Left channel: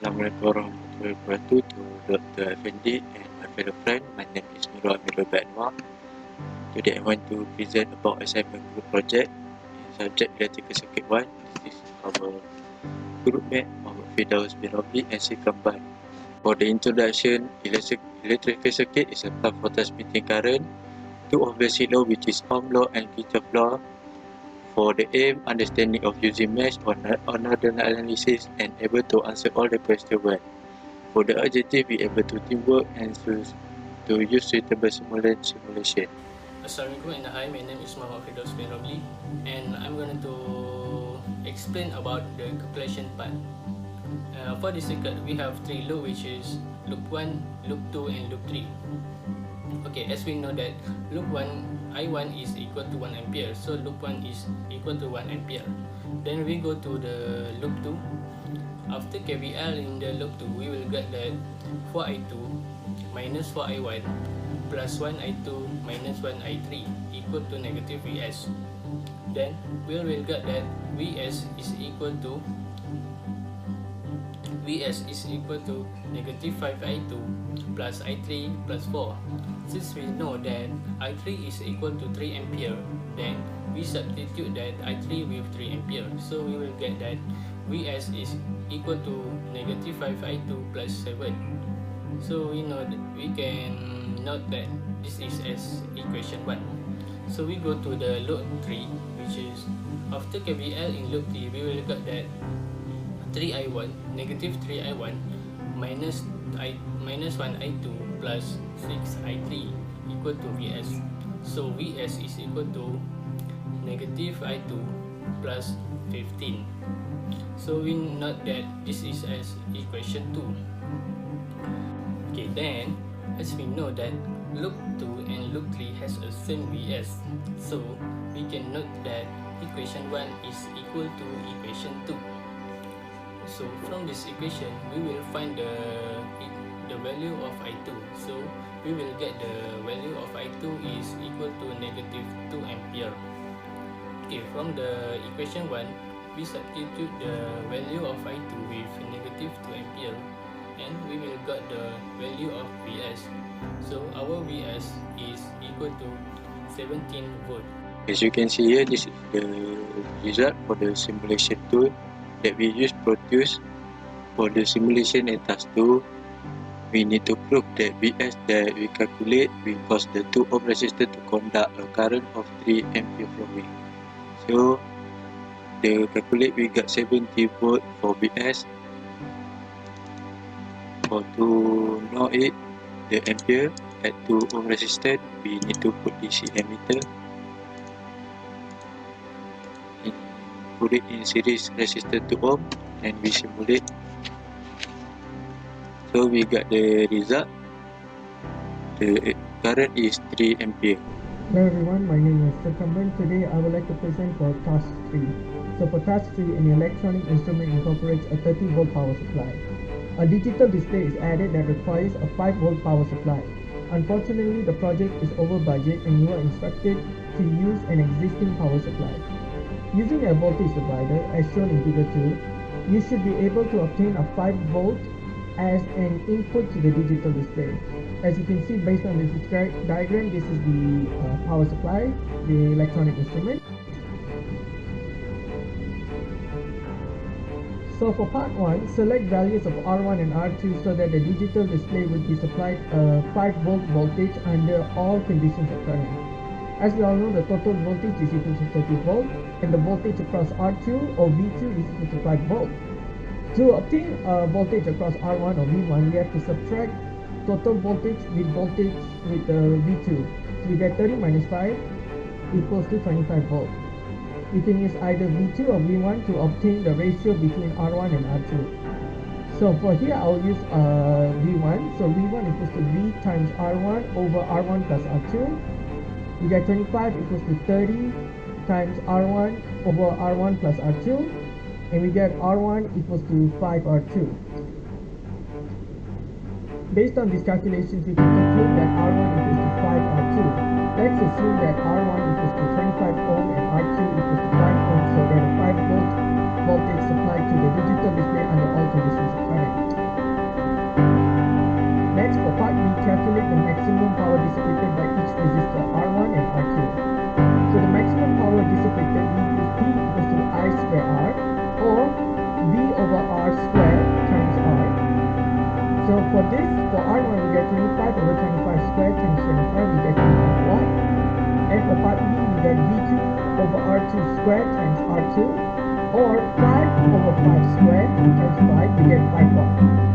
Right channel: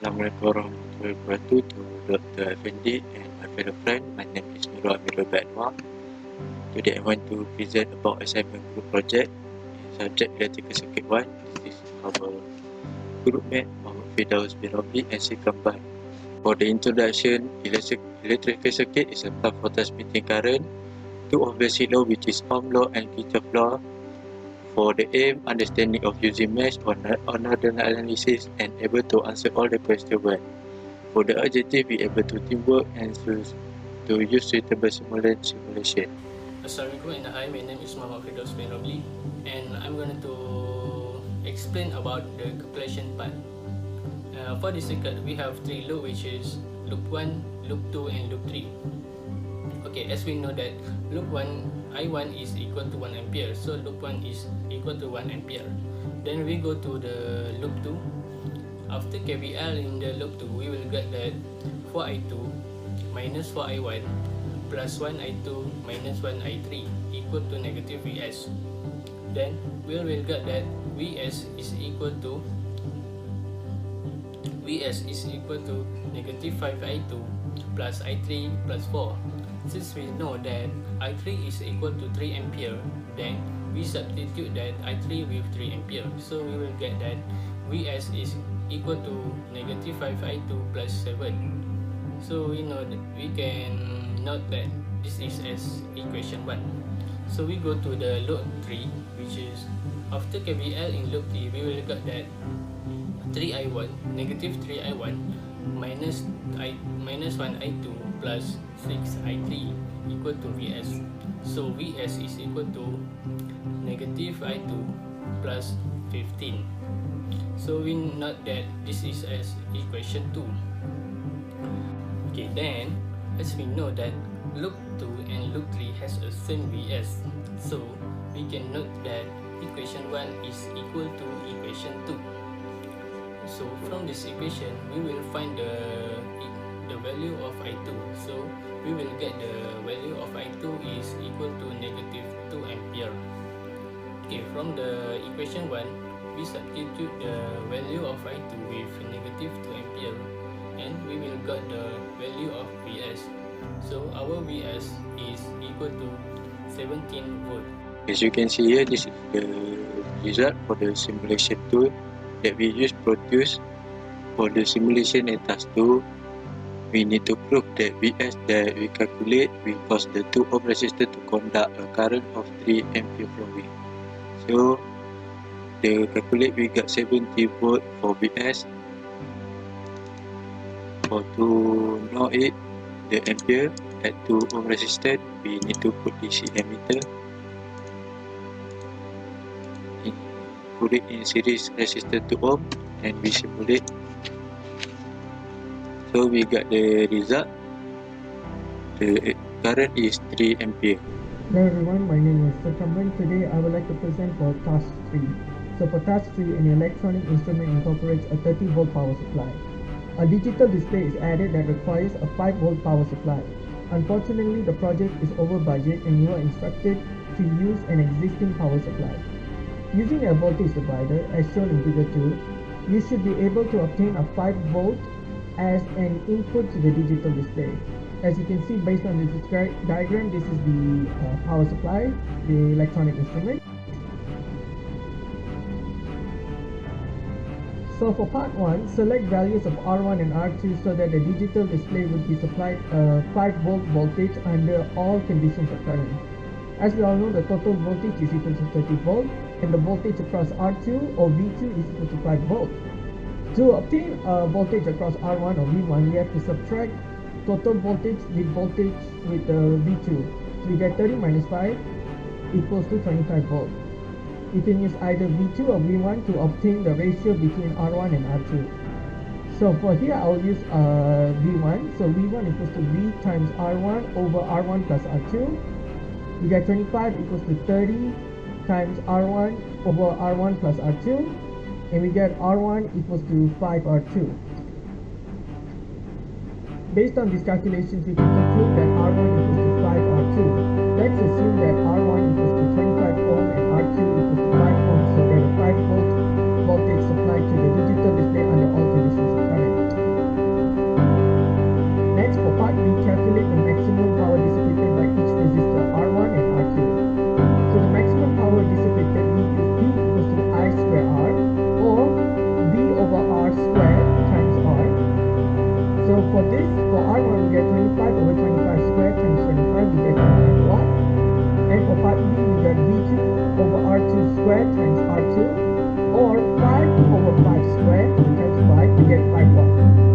Assalamualaikum warahmatullahi wabarakatuh to Dr. Effendi and my fellow friend. My name is Nurul Amirul Anwar. Today I want to present about assignment group project in subject electrical circuit 1. This is our group mate Muhammad Firdaus bin Rabi and C. Kamban. For the introduction, electrical circuit is a path for transmitting current, two of basic law which is Ohm law and Kirchhoff law. For the aim, understanding of using mesh or nodal analysis and able to answer all the questions well. For the objective, be able to teamwork and to use suitable simulation. Assalamualaikum and hi, my name is Muhammad Firdaus bin Rabi and I'm going to explain about the calculation part. For this circuit, we have three loops, which is loop 1, loop 2 and loop 3. Okay, as we know that loop 1 I1 is equal to 1 ampere, so loop 1 is equal to 1 ampere. Then we go to the loop 2. After KVL in the loop 2, we will get that 4I2 minus 4I1 plus 1I2 minus 1I3 equal to negative Vs. Then we will get that Vs is equal to negative 5I2 plus I3 plus 4. Since we know that I3 is equal to 3 ampere, then we substitute that I3 with 3 ampere. So we will get that Vs is equal to negative 5I2 plus 7. So we know that we can note that this is as equation 1. So we go to the loop 3, which is after KVL in loop 3, we will get that 3I1, negative 3I1 minus 1I2 plus 6I3 equal to Vs. So Vs is equal to negative I2 plus 15. So we note that this is as equation 2. Okay, then as we know that loop 2 and loop 3 has a same Vs, so we can note that equation 1 is equal to equation 2. So from this equation, we will find the value of I2. So we will get the value of I2 is equal to negative 2 ampere. Okay, from the equation 1, we substitute the value of I2 with negative 2 ampere and we will get the value of Vs. So our Vs is equal to 17 volt. As you can see here, this is the result for the simulation tool that we use produce. For the simulation and task 2, we need to prove that Vs that we calculate will cause the 2 ohm resistor to conduct a current of 3 ampere flowing. So the calculate we got 70 volt for Vs. For to know it, the ampere at 2 ohm resistance, we need to put DC ammeter, put it in series resistor 2 ohm and we simulate. So we got the result. The current is 3 ampere. Hello everyone, my name is Kamban. Today I would like to present for task 3. So for task 3, an electronic instrument incorporates a 30 volt power supply. A digital display is added that requires a 5 volt power supply. Unfortunately, the project is over budget and you are instructed to use an existing power supply. Using a voltage divider as shown in figure 2, you should be able to obtain a 5 volt as an input to the digital display. As you can see based on this diagram, this is the power supply, the electronic instrument. So for part 1, select values of R1 and R2 so that the digital display would be supplied a 5 volt voltage under all conditions of current. As we all know, the total voltage is equal to 30 volt and the voltage across R2 or V2 is equal to 5 volt. To obtain a voltage across R1 or V1, we have to subtract total voltage with V2. So we get 30 minus 5 equals to 25 volt. You can use either V2 or V1 to obtain the ratio between R1 and R2. So for here, I'll use V1. So V1 equals to V times R1 over R1 plus R2. We get 25 equals to 30 times R1 over R1 plus R2. And we get R1 equals to 5R2. Based on these calculations, we can conclude that R1 equals to 5R2. Let's assume that R1 equals to 25 ohm and R2 equals to 5 ohm, so that a 5 volt voltage supplied to the digital display under all conditions of current. calculate the maximum power dissipated by each resistor R1 and R2. So the maximum power dissipated, we use P equals to I square R, or V over R square times R. So for this, for R1 we get 25 over 25 squared times 25, we get 25 watt. And for part B we get V2 over R2 squared times R2, or 5 over 5 squared times 5, we get 5 watt.